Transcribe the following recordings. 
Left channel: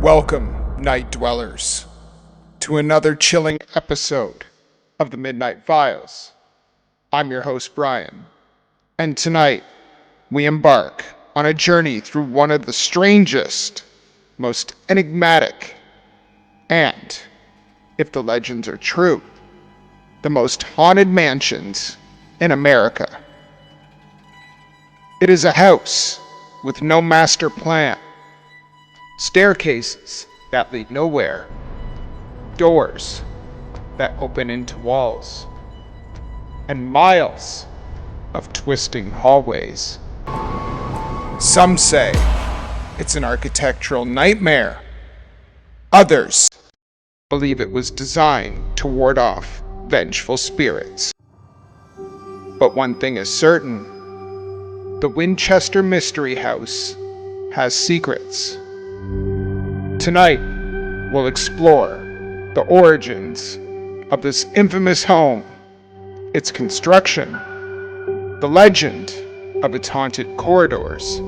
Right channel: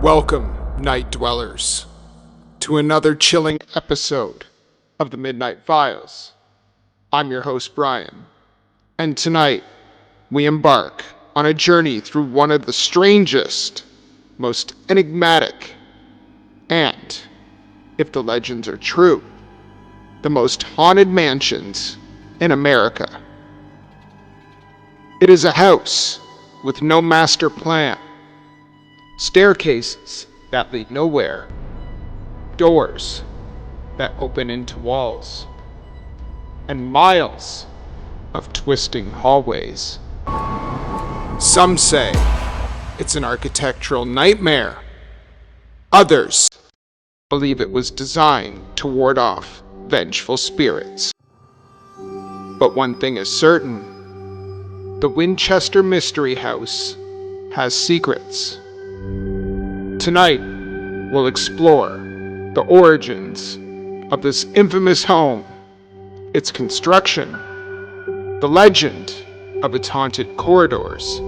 Welcome, night dwellers, to another chilling episode of the Midnight Files. I'm your host, Bryan, and tonight we embark on a journey through one of the strangest, most enigmatic, and, if the legends are true, the most haunted mansions in America. It is a house with no master plan, staircases that lead nowhere, doors that open into walls, and miles of twisting hallways. Some say it's an architectural nightmare. Others believe it was designed to ward off vengeful spirits. But one thing is certain: the Winchester Mystery House has secrets. Tonight, we'll explore the origins of this infamous home, its construction, the legend of its haunted corridors,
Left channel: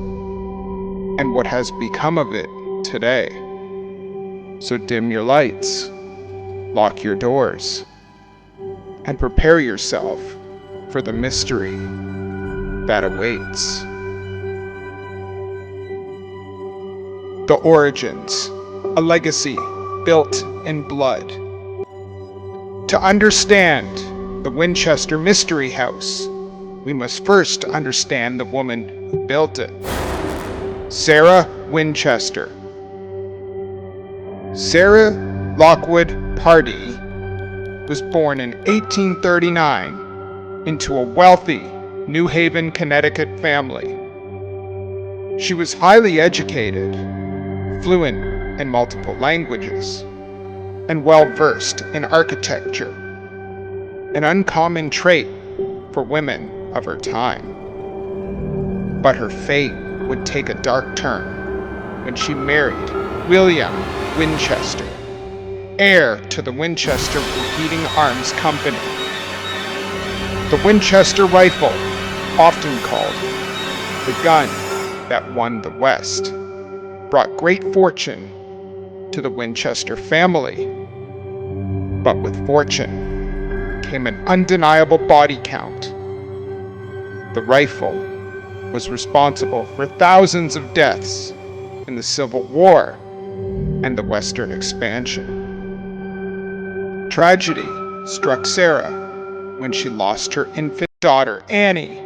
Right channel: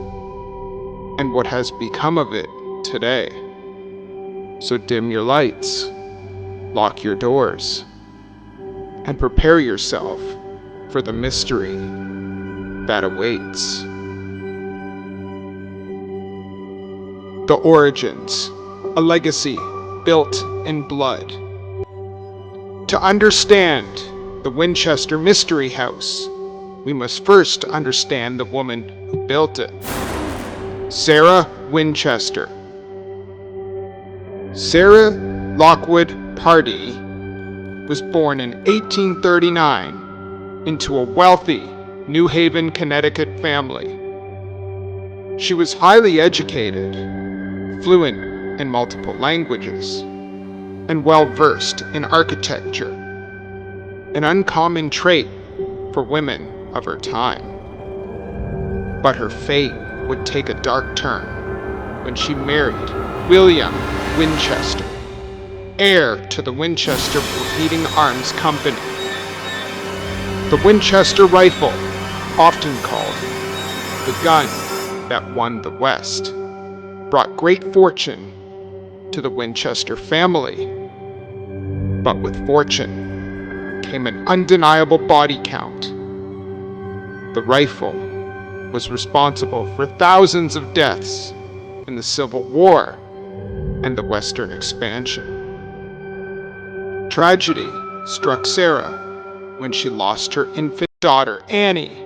and what has become of it today. So dim your lights, lock your doors, and prepare yourself for the mystery that awaits. The origins, a legacy built in blood. To understand the Winchester Mystery House, we must first understand the woman who built it. Sarah Winchester. Sarah Lockwood Pardee was born in 1839 into a wealthy New Haven, Connecticut family. She was highly educated, fluent in multiple languages, and well-versed in architecture, an uncommon trait for women of her time. But her fate would take a dark turn when she married William Winchester, heir to the Winchester Beating Arms Company. The Winchester rifle, often called the gun that won the West, brought great fortune to the Winchester family. But with fortune came an undeniable body count. The rifle was responsible for thousands of deaths in the Civil War and the Western expansion. Tragedy struck Sarah when she lost her infant daughter, Annie,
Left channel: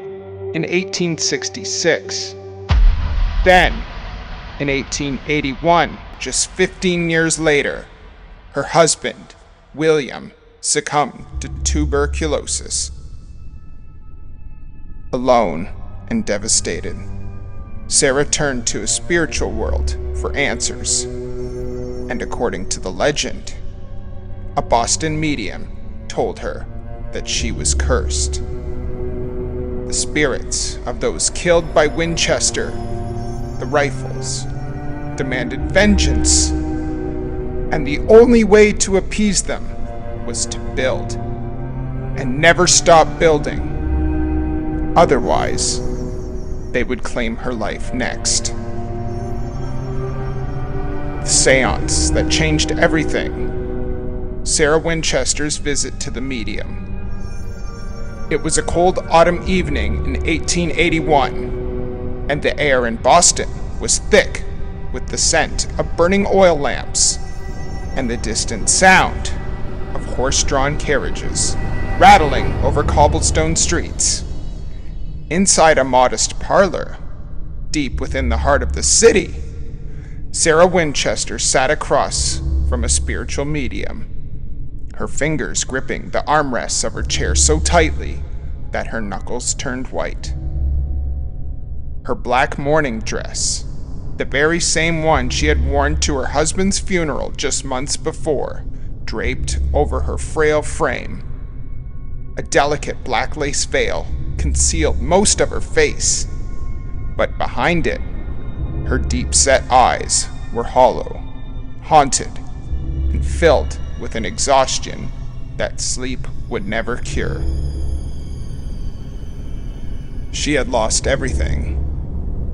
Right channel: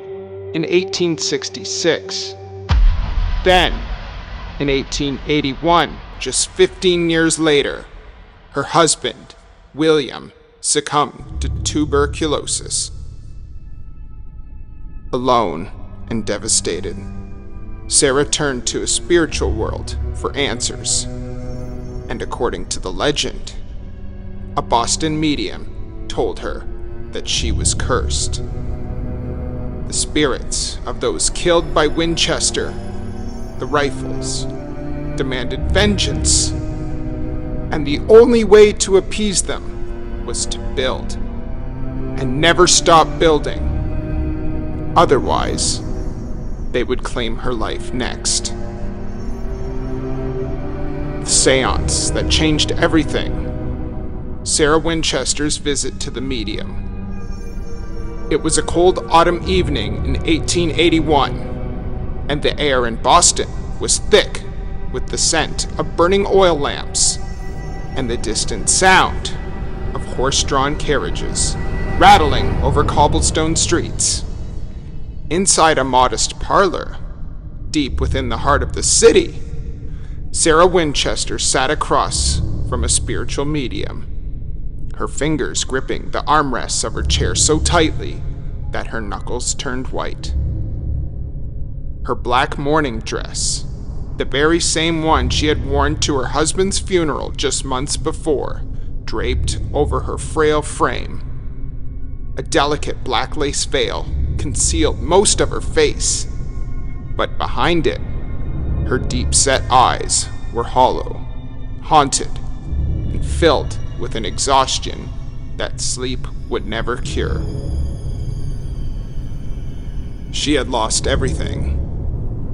in 1866. Then, in 1881, just 15 years later, her husband, William, succumbed to tuberculosis. Alone and devastated, Sarah turned to a spiritual world for answers. And according to the legend, a Boston medium told her that she was cursed. The spirits of those killed by Winchester, the rifles, demanded vengeance, and the only way to appease them was to build, and never stop building. Otherwise, they would claim her life next. The seance that changed everything. Sarah Winchester's visit to the medium. It was a cold autumn evening in 1881, and the air in Boston was thick with the scent of burning oil lamps and the distant sound of horse-drawn carriages rattling over cobblestone streets. Inside a modest parlor, deep within the heart of the city, Sarah Winchester sat across from a spiritual medium, her fingers gripping the armrests of her chair so tightly that her knuckles turned white. Her black mourning dress, the very same one she had worn to her husband's funeral just months before, draped over her frail frame. A delicate black lace veil concealed most of her face, but behind it, her deep-set eyes were hollow, haunted, and filled with an exhaustion that sleep would never cure. She had lost everything:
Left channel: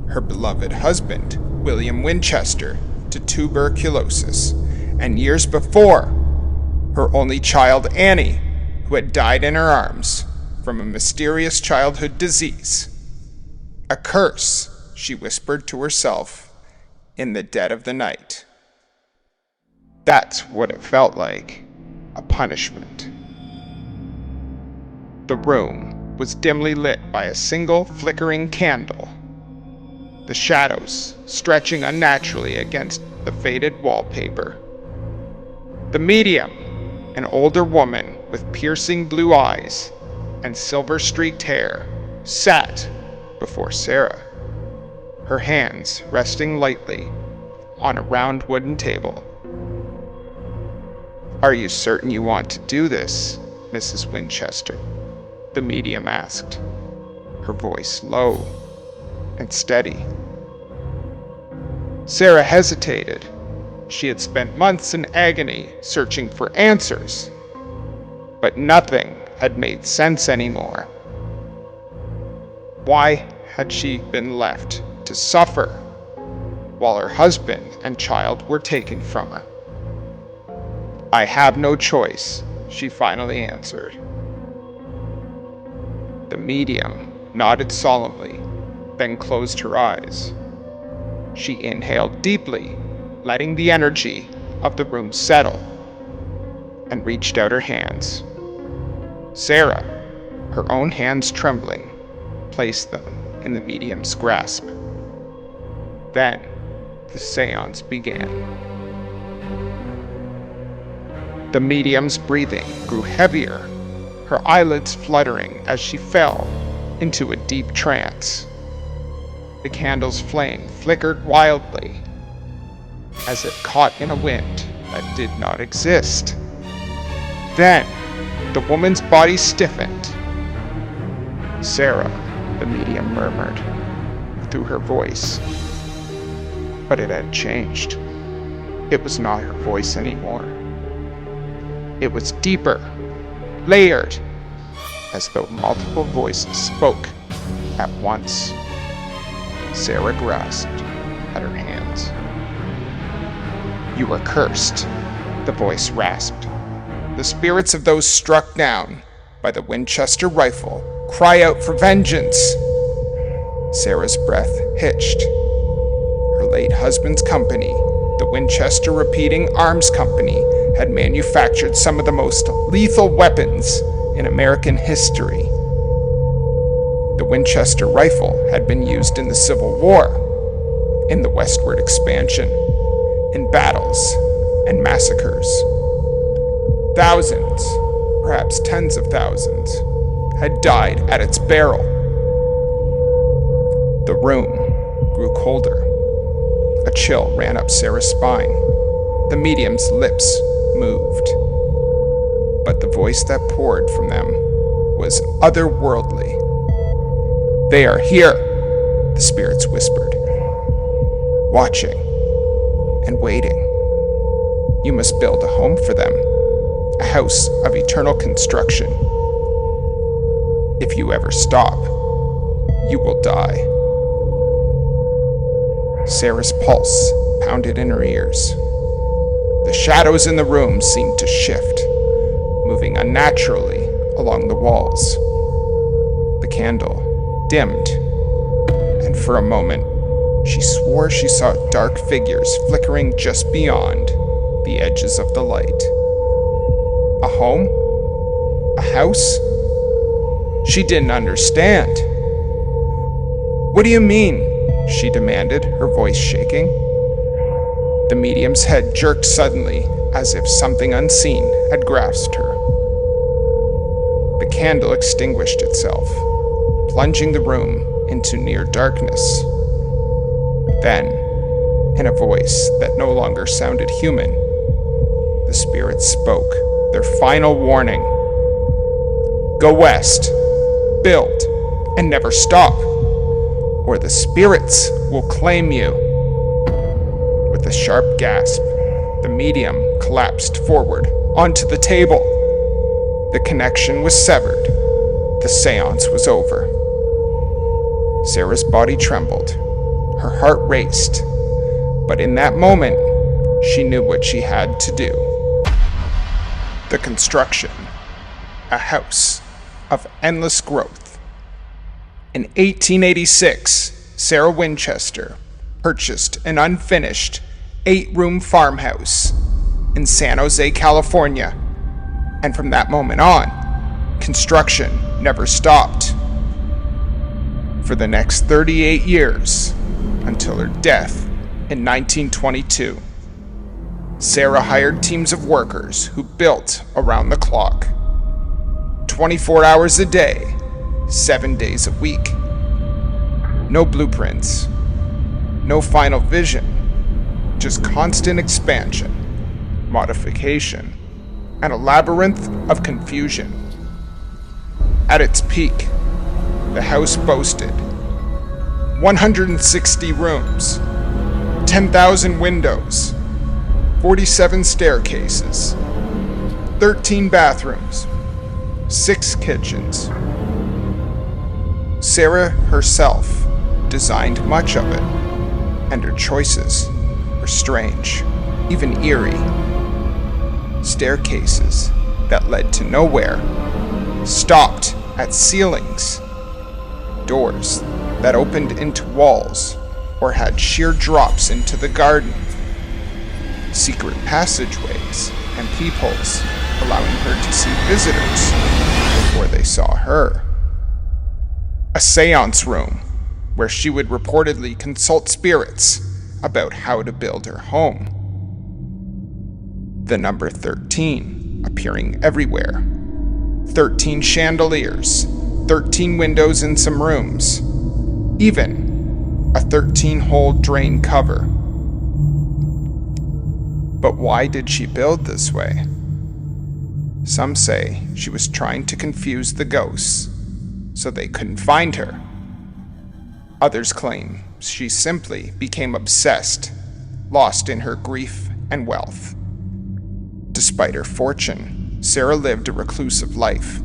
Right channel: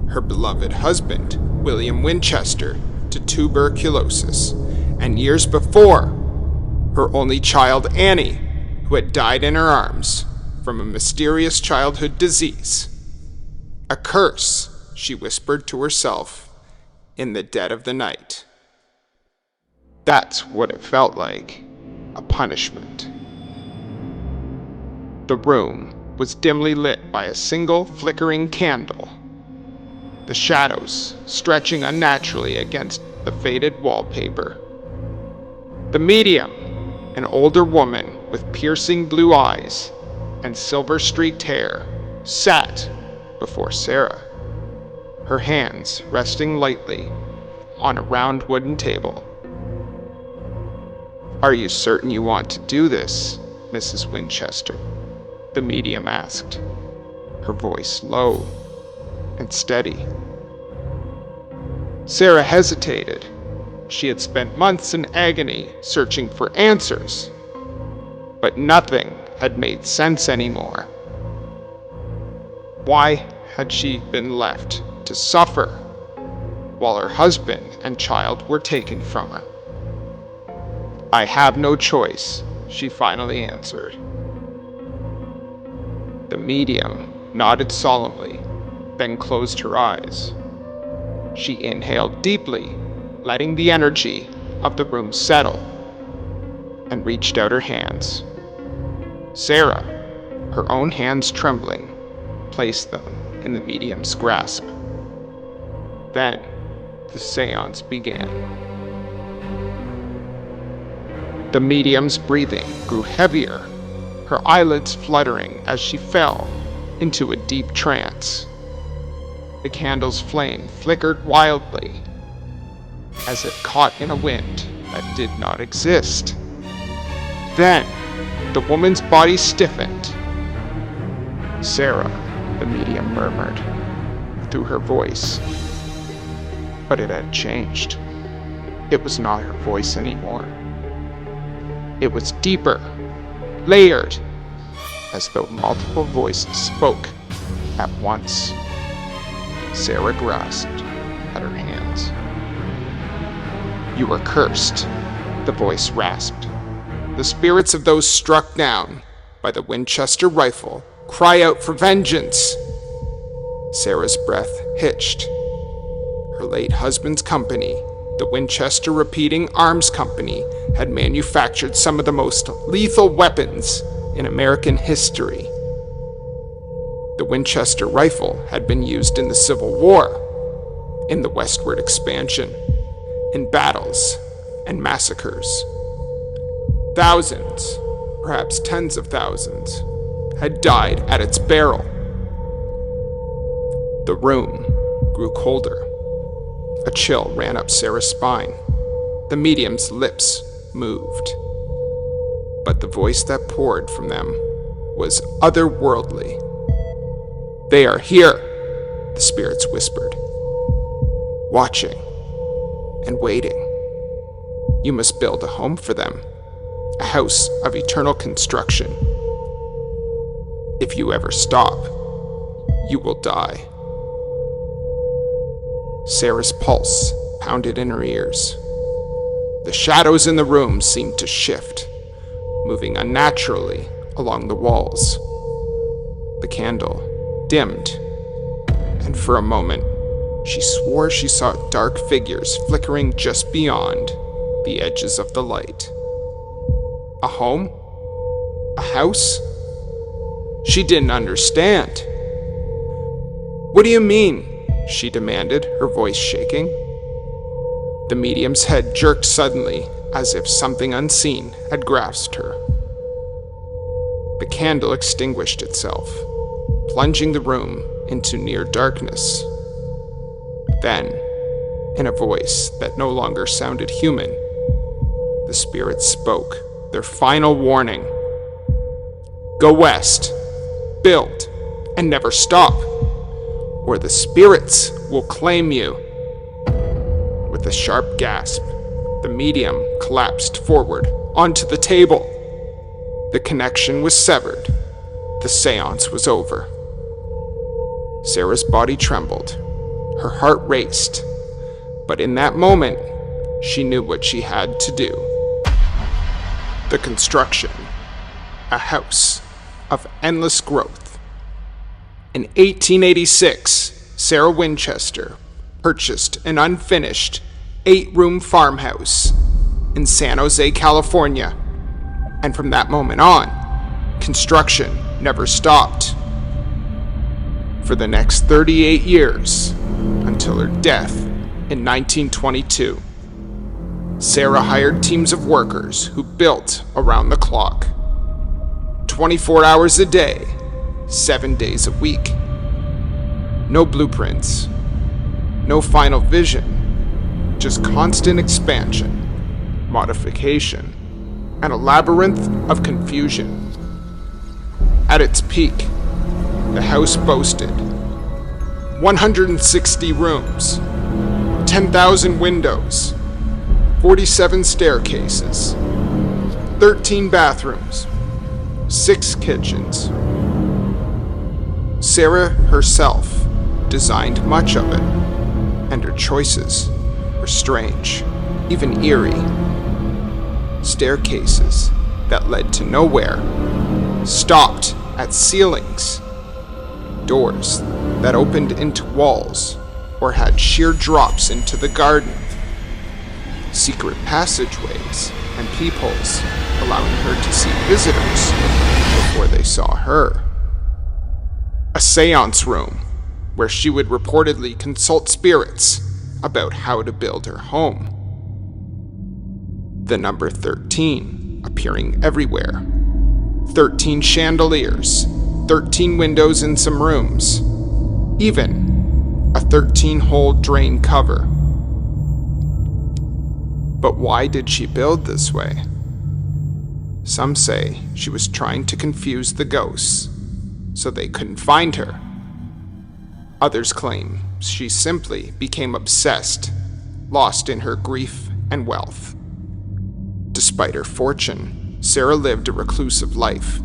her beloved husband, William Winchester, to tuberculosis, and years before, her only child Annie, who had died in her arms from a mysterious childhood disease. A curse, she whispered to herself in the dead of the night. That's what it felt like, a punishment. The room was dimly lit by a single flickering candle, the shadows stretching unnaturally against the faded wallpaper. The medium, an older woman with piercing blue eyes and silver-streaked hair, sat before Sarah, her hands resting lightly on a round wooden table. "Are you certain you want to do this, Mrs. Winchester?" the medium asked, her voice low and steady. Sarah hesitated. She had spent months in agony searching for answers, but nothing had made sense anymore. Why had she been left to suffer while her husband and child were taken from her? "I have no choice," she finally answered. The medium nodded solemnly, then closed her eyes. She inhaled deeply, letting the energy of the room settle, and reached out her hands. Sarah, her own hands trembling, placed them in the medium's grasp. Then, the seance began. The medium's breathing grew heavier, her eyelids fluttering as she fell into a deep trance. The candle's flame flickered wildly, as if caught in a wind that did not exist. Then, the woman's body stiffened. "Sarah," the medium murmured through her voice. But it had changed. It was not her voice anymore. It was deeper, layered, as though multiple voices spoke at once. Sarah grasped at her hands. "You are cursed," the voice rasped. "The spirits of those struck down by the Winchester rifle cry out for vengeance." Sarah's breath hitched. Her late husband's company, the Winchester Repeating Arms Company, had manufactured some of the most lethal weapons in American history. The Winchester rifle had been used in the Civil War, in the westward expansion, in battles and massacres. Thousands, perhaps tens of thousands, had died at its barrel. The room grew colder. A chill ran up Sarah's spine. The medium's lips moved. But the voice that poured from them was otherworldly. "They are here," the spirits whispered, "watching and waiting. You must build a home for them, a house of eternal construction. If you ever stop, you will die." Sarah's pulse pounded in her ears. The shadows in the room seemed to shift, moving unnaturally along the walls. The candle dimmed, and for a moment, she swore she saw dark figures flickering just beyond the edges of the light. A home? A house? She didn't understand. "What do you mean?" she demanded, her voice shaking. The medium's head jerked suddenly, as if something unseen had grasped her. The candle extinguished itself, plunging the room into near darkness. Then, in a voice that no longer sounded human, the spirits spoke their final warning. "Go west, build, and never stop, or the spirits will claim you." With a sharp gasp, the medium collapsed forward onto the table. The connection was severed. The seance was over. Sarah's body trembled. Her heart raced. But in that moment, she knew what she had to do. The construction, a house of endless growth. In 1886, Sarah Winchester purchased an unfinished 8-room farmhouse in San Jose, California, and from that moment on, construction never stopped. For the next 38 years, until her death in 1922, Sarah hired teams of workers who built around the clock, 24 hours a day, 7 days a week. No blueprints, no final vision, just constant expansion, modification, and a labyrinth of confusion. At its peak, the house boasted 160 rooms, 10,000 windows, 47 staircases, 13 bathrooms, 6 kitchens. Sarah herself designed much of it, and her choices were strange, even eerie. Staircases that led to nowhere, stopped at ceilings, doors that opened into walls or had sheer drops into the garden, secret passageways and peepholes allowing her to see visitors before they saw her. A seance room where she would reportedly consult spirits about how to build her home. The number 13 appearing everywhere. 13 chandeliers, 13 windows in some rooms, even a 13-hole drain cover. But why did she build this way? Some say she was trying to confuse the ghosts so they couldn't find her. Others claim she simply became obsessed, lost in her grief and wealth. Despite her fortune, Sarah lived a reclusive life.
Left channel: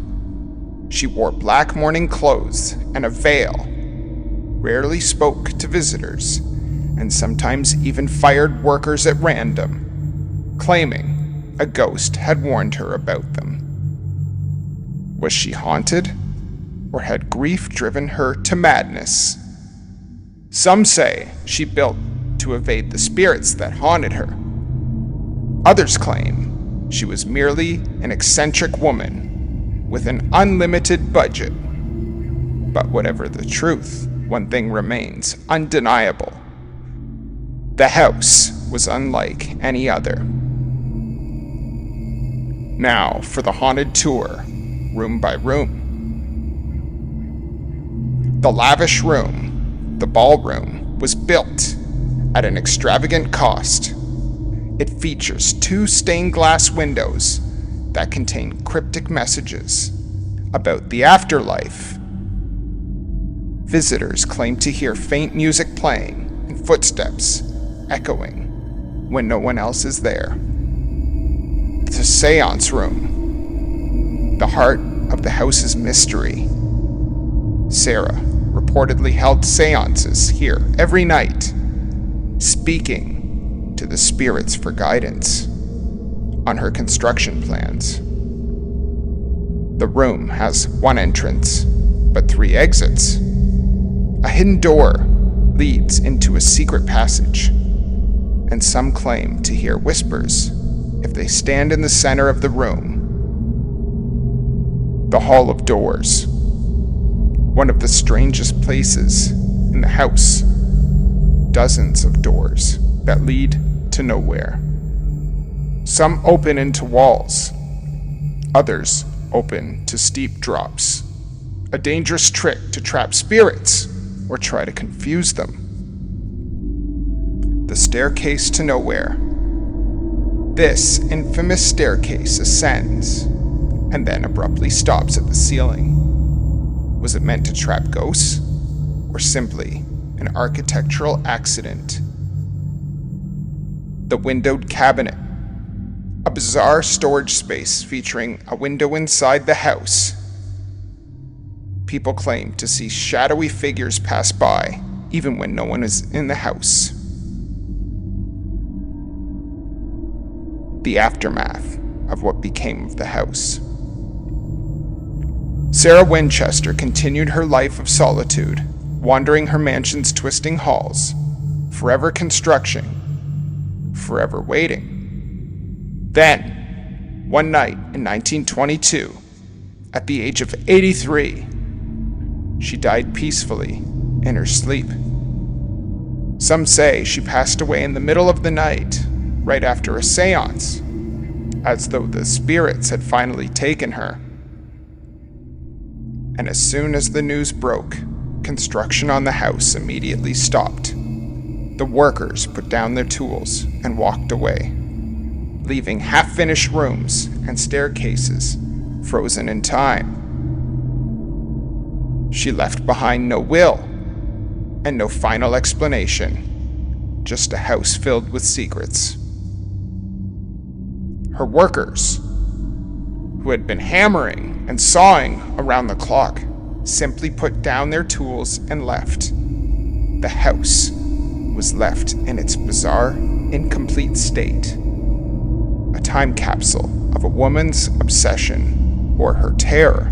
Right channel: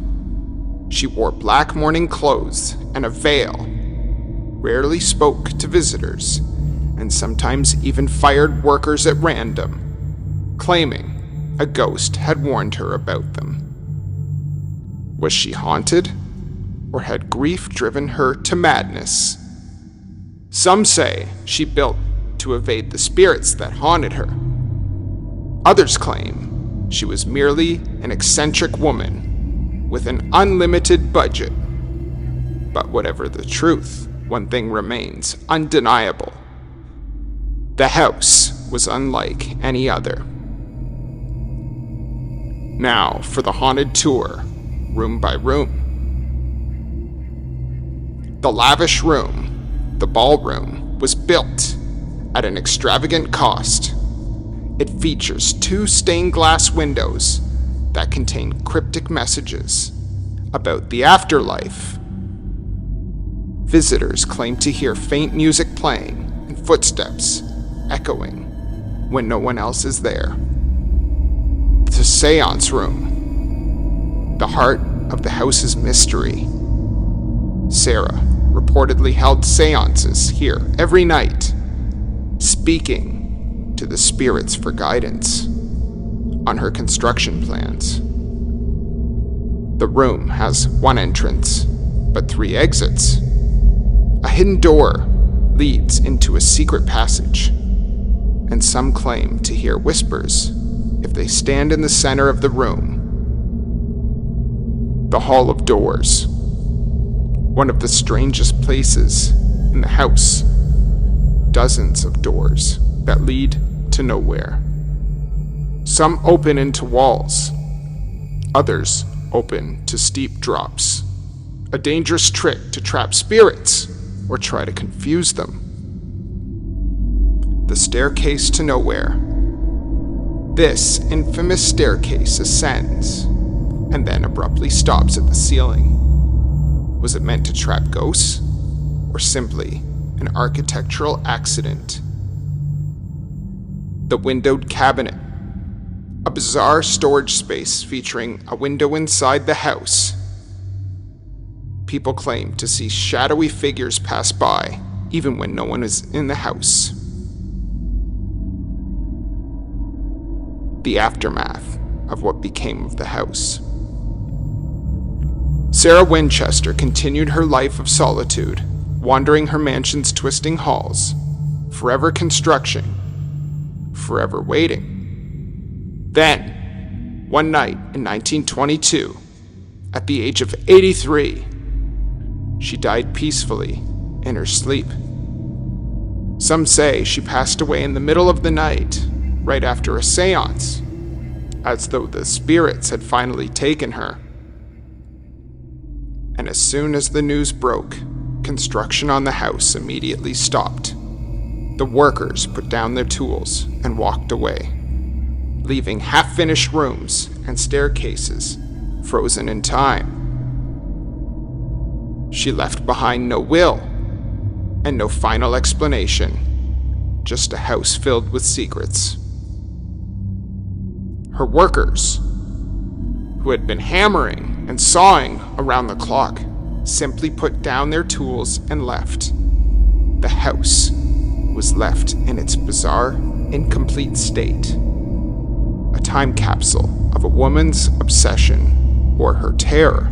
She wore black mourning clothes and a veil, rarely spoke to visitors, and sometimes even fired workers at random, claiming a ghost had warned her about them. Was she haunted, or had grief driven her to madness? Some say she built to evade the spirits that haunted her. Others claim she was merely an eccentric woman with an unlimited budget. But whatever the truth, one thing remains undeniable. The house was unlike any other. Now for the haunted tour, room by room. The lavish room, the ballroom, was built at an extravagant cost. It features 2 stained glass windows that contain cryptic messages about the afterlife. Visitors claim to hear faint music playing and footsteps echoing when no one else is there. The seance room, the heart of the house's mystery. Sarah reportedly held seances here every night, speaking to the spirits for guidance on her construction plans. The room has 1 entrance, but 3 exits. A hidden door leads into a secret passage, and some claim to hear whispers if they stand in the center of the room. The Hall of Doors, one of the strangest places in the house. Dozens of doors that lead to nowhere. Some open into walls, others open to steep drops. A dangerous trick to trap spirits or try to confuse them. The staircase to nowhere. This infamous staircase ascends and then abruptly stops at the ceiling. Was it meant to trap ghosts, or simply an architectural accident? The windowed cabinet, a bizarre storage space featuring a window inside the house. People claim to see shadowy figures pass by, even when no one is in the house. the aftermath of what became of the house. Sarah Winchester continued her life of solitude, wandering her mansion's twisting halls, forever construction, forever waiting. Then, one night in 1922, at the age of 83, she died peacefully in her sleep. Some say she passed away in the middle of the night, right after a seance, as though the spirits had finally taken her. And as soon as the news broke, construction on the house immediately stopped. The workers put down their tools and walked away, leaving half-finished rooms and staircases frozen in time. She left behind no will and no final explanation, just a house filled with secrets. Her workers, who had been hammering and sawing around the clock, simply put down their tools and left. The house was left in its bizarre, incomplete state. A time capsule of a woman's obsession or her terror.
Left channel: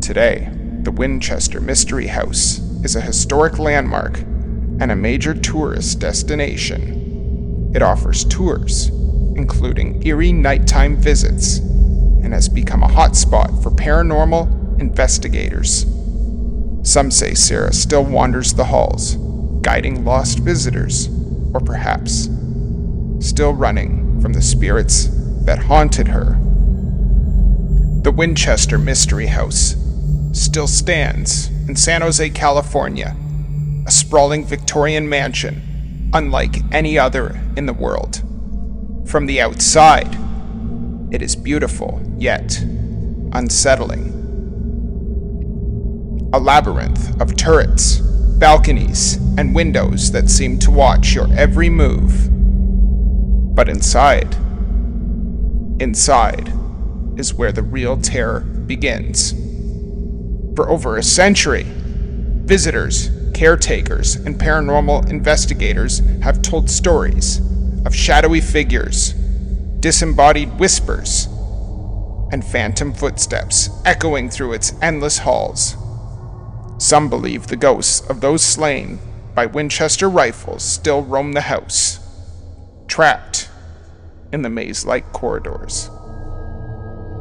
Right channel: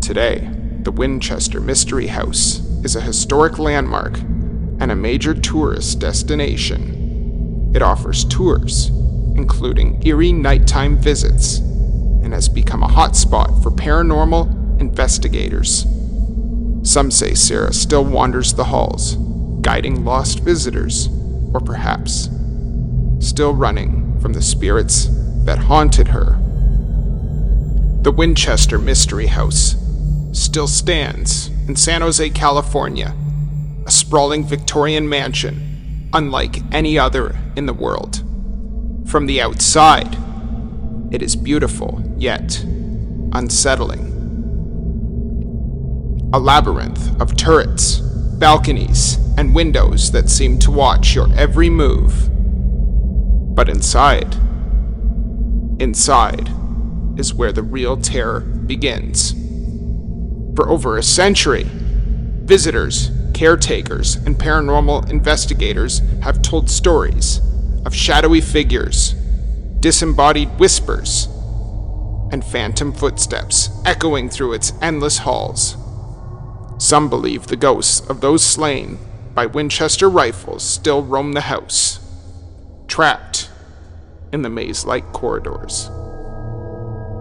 Today, the Winchester Mystery House is a historic landmark and a major tourist destination. It offers tours, including eerie nighttime visits, and has become a hotspot for paranormal investigators. Some say Sarah still wanders the halls, guiding lost visitors, or perhaps still running from the spirits that haunted her. The Winchester Mystery House still stands in San Jose, California, a sprawling Victorian mansion unlike any other in the world. From the outside, it is beautiful, yet unsettling. A labyrinth of turrets, balconies, and windows that seem to watch your every move. But inside is where the real terror begins. For over a century, visitors, caretakers, and paranormal investigators have told stories of shadowy figures, disembodied whispers, and phantom footsteps echoing through its endless halls. Some believe the ghosts of those slain by Winchester rifles still roam the house, trapped in the maze-like corridors,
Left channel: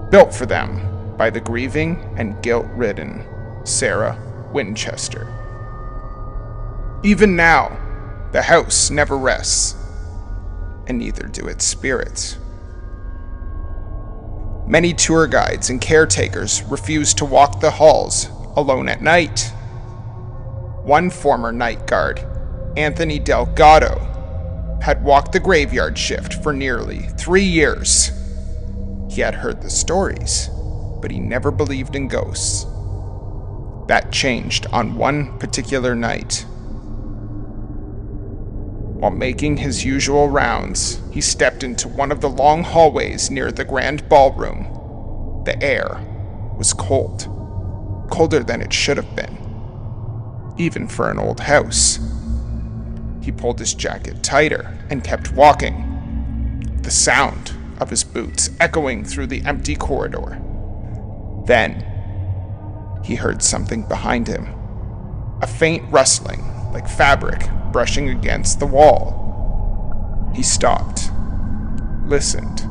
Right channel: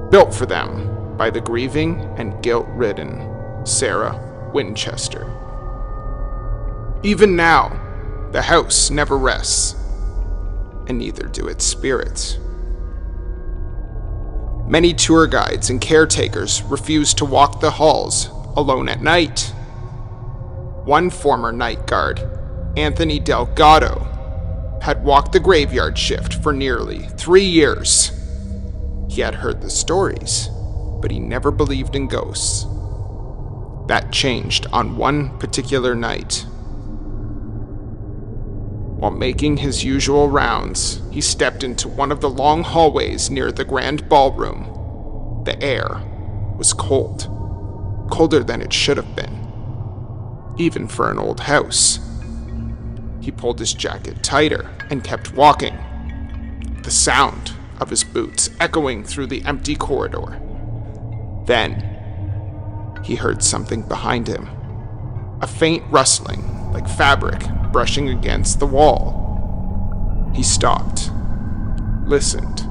built for them by the grieving and guilt-ridden Sarah Winchester. Even now, the house never rests, and neither do its spirits. Many tour guides and caretakers refuse to walk the halls alone at night. One former night guard, Anthony Delgado, had walked the graveyard shift for nearly 3 years. He had heard the stories, but he never believed in ghosts. That changed on one particular night. While making his usual rounds, he stepped into one of the long hallways near the grand ballroom. The air was cold, colder than it should have been, even for an old house. He pulled his jacket tighter and kept walking, the sound of his boots echoing through the empty corridor. Then, he heard something behind him, a faint rustling like fabric brushing against the wall. He stopped, listened.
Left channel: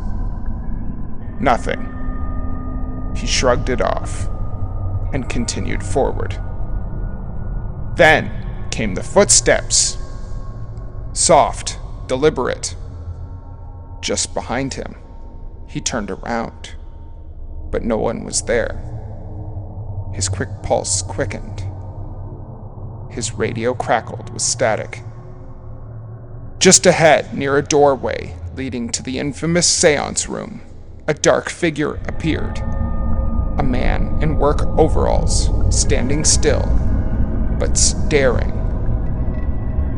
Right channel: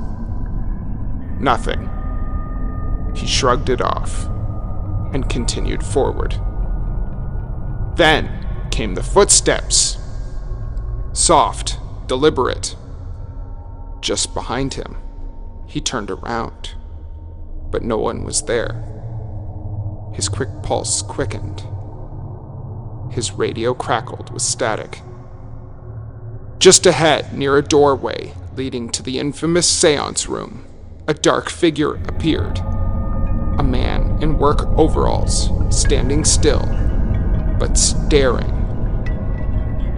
Nothing. He shrugged it off and continued forward. Then came the footsteps. Soft, deliberate. Just behind him. He turned around, but no one was there. His quick pulse quickened. His radio crackled with static. Just ahead, near a doorway leading to the infamous seance room, a dark figure appeared. A man in work overalls, standing still, but staring.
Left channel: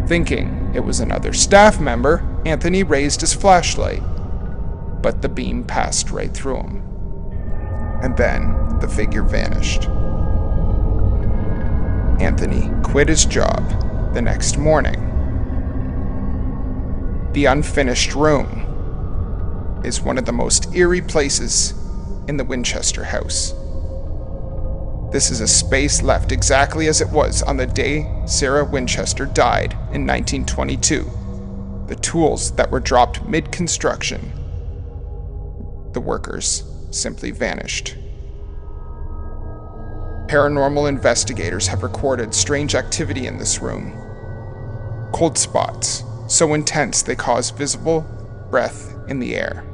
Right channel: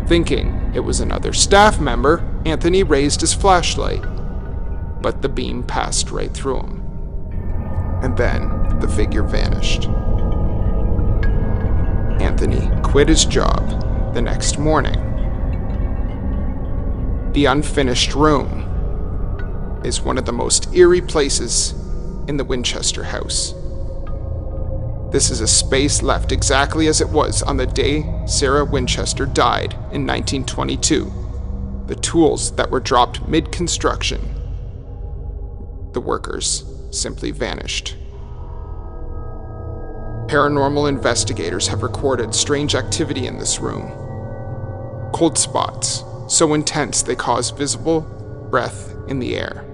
Thinking it was another staff member, Anthony raised his flashlight, but the beam passed right through him. And then the figure vanished. Anthony quit his job the next morning. The unfinished room is one of the most eerie places in the Winchester house. This is a space left exactly as it was on the day Sarah Winchester died in 1922. The tools that were dropped mid-construction. The workers simply vanished. Paranormal investigators have recorded strange activity in this room. Cold spots, so intense they cause visible breath in the air.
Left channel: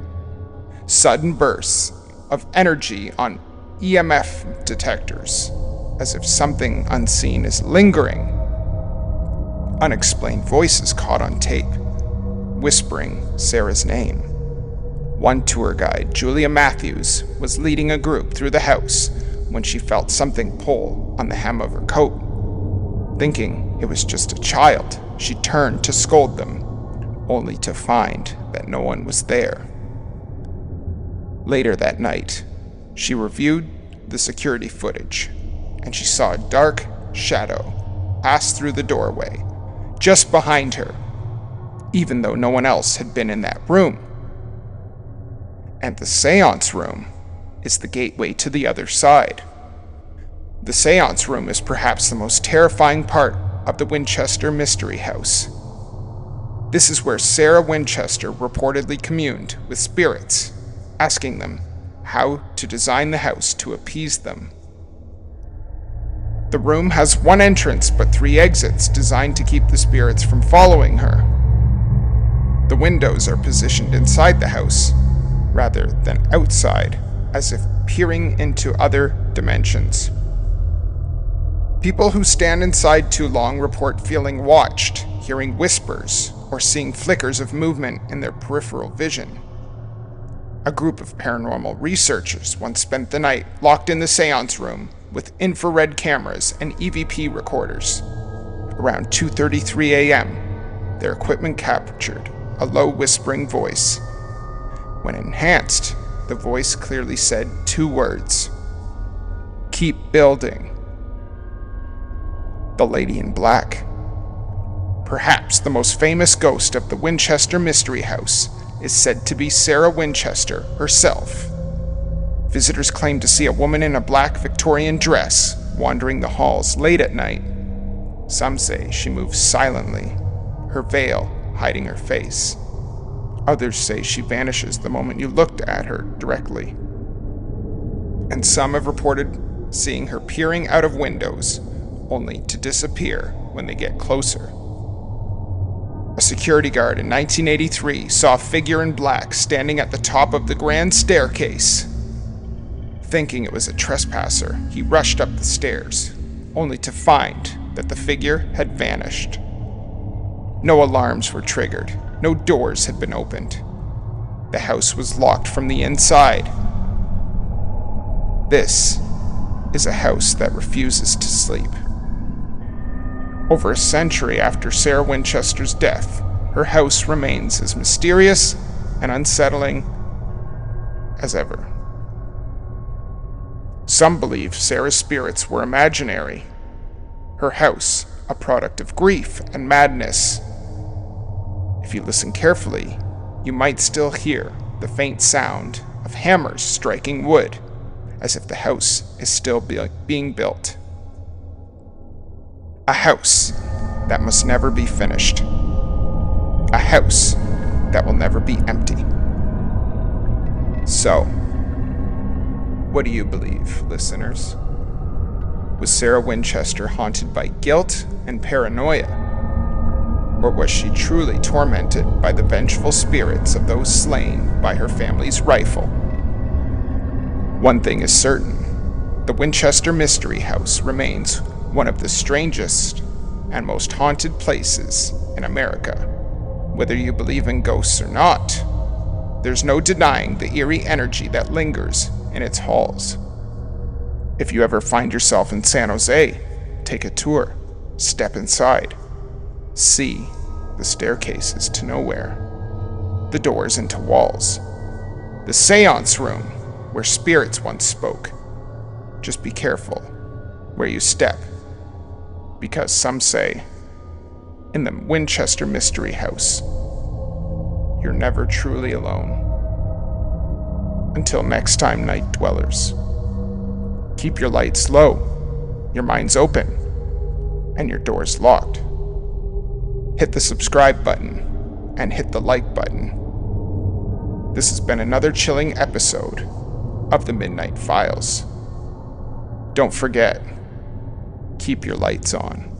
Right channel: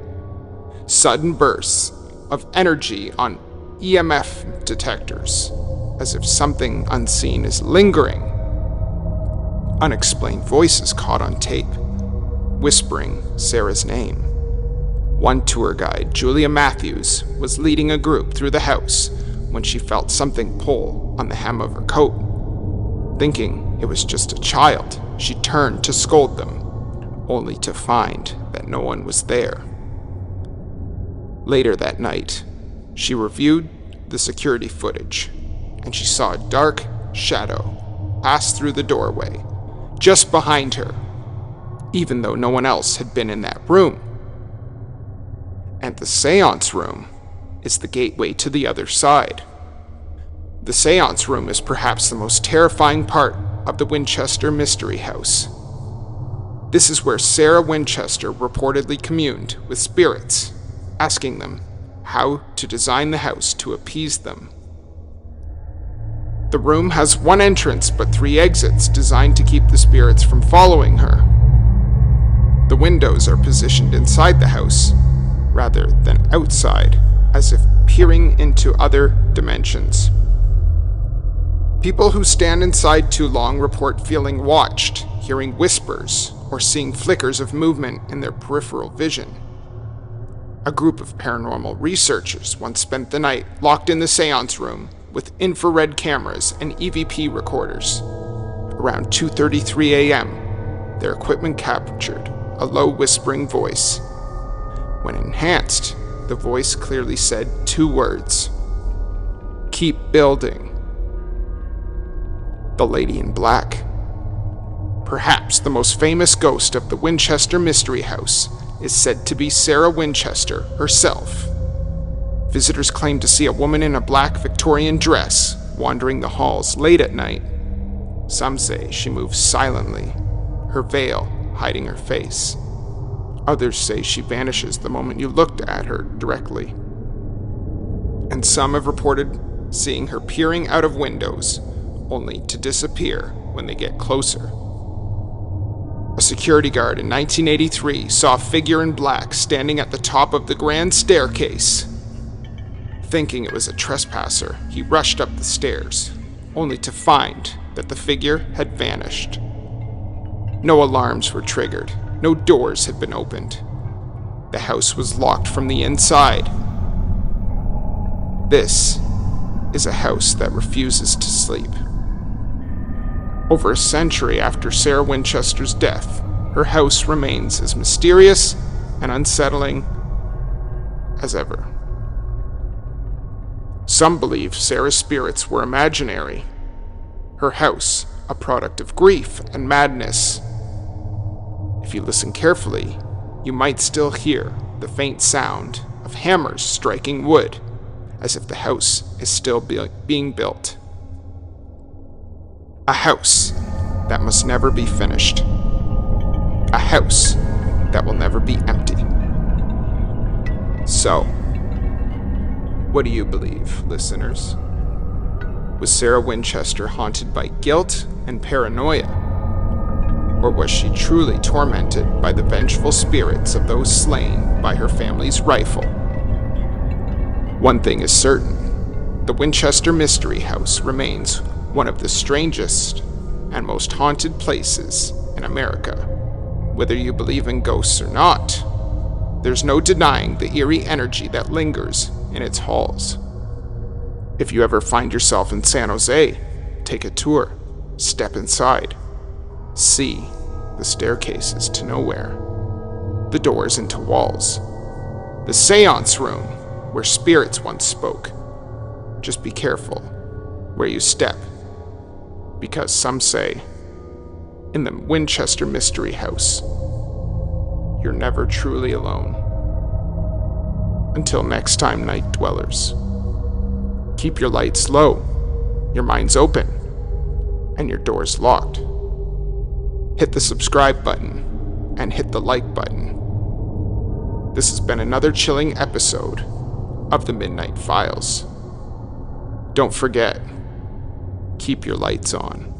Sudden bursts of energy on EMF detectors, as if something unseen is lingering. Unexplained voices caught on tape, whispering Sarah's name. One tour guide, Julia Matthews, was leading a group through the house when she felt something pull on the hem of her coat. Thinking it was just a child, she turned to scold them, only to find that no one was there. Later that night, she reviewed the security footage, and she saw a dark shadow pass through the doorway, just behind her, even though no one else had been in that room. And the seance room is the gateway to the other side. The seance room is perhaps the most terrifying part of the Winchester Mystery House. This is where Sarah Winchester reportedly communed with spirits, asking them how to design the house to appease them. The room has one entrance but 3 exits designed to keep the spirits from following her. The windows are positioned inside the house rather than outside, as if peering into other dimensions. People who stand inside too long report feeling watched, hearing whispers, or seeing flickers of movement in their peripheral vision. A group of paranormal researchers once spent the night locked in the seance room with infrared cameras and EVP recorders. Around 2:33 a.m., their equipment captured a low whispering voice. When enhanced, the voice clearly said 2 words: "Keep building." The Lady in Black. Perhaps the most famous ghost of the Winchester Mystery House is said to be Sarah Winchester herself. Visitors claim to see a woman in a black Victorian dress wandering the halls late at night. Some say she moves silently, her veil hiding her face. Others say she vanishes the moment you looked at her directly. And some have reported seeing her peering out of windows, only to disappear when they get closer. A security guard in 1983 saw a figure in black standing at the top of the grand staircase. Thinking it was a trespasser, he rushed up the stairs, only to find that the figure had vanished. No alarms were triggered, no doors had been opened. The house was locked from the inside. This is a house that refuses to sleep. Over a century after Sarah Winchester's death, her house remains as mysterious and unsettling as ever. Some believe Sarah's spirits were imaginary, her house a product of grief and madness. If you listen carefully, you might still hear the faint sound of hammers striking wood, as if the house is still being built. A house that must never be finished. A house that will never be empty. So, what do you believe, listeners? Was Sarah Winchester haunted by guilt and paranoia? Or was she truly tormented by the vengeful spirits of those slain by her family's rifle? One thing is certain, the Winchester Mystery House remains one of the strangest and most haunted places in America. Whether you believe in ghosts or not, there's no denying the eerie energy that lingers in its halls. If you ever find yourself in San Jose, take a tour, step inside, see the staircases to nowhere, the doors into walls, the seance room where spirits once spoke. Just be careful where you step, because some say, in the Winchester Mystery House, you're never truly alone. Until next time, night dwellers, keep your lights low, your minds open, and your doors locked. Hit the subscribe button and hit the like button. This has been another chilling episode of the Midnight Files. Don't forget, keep your lights on.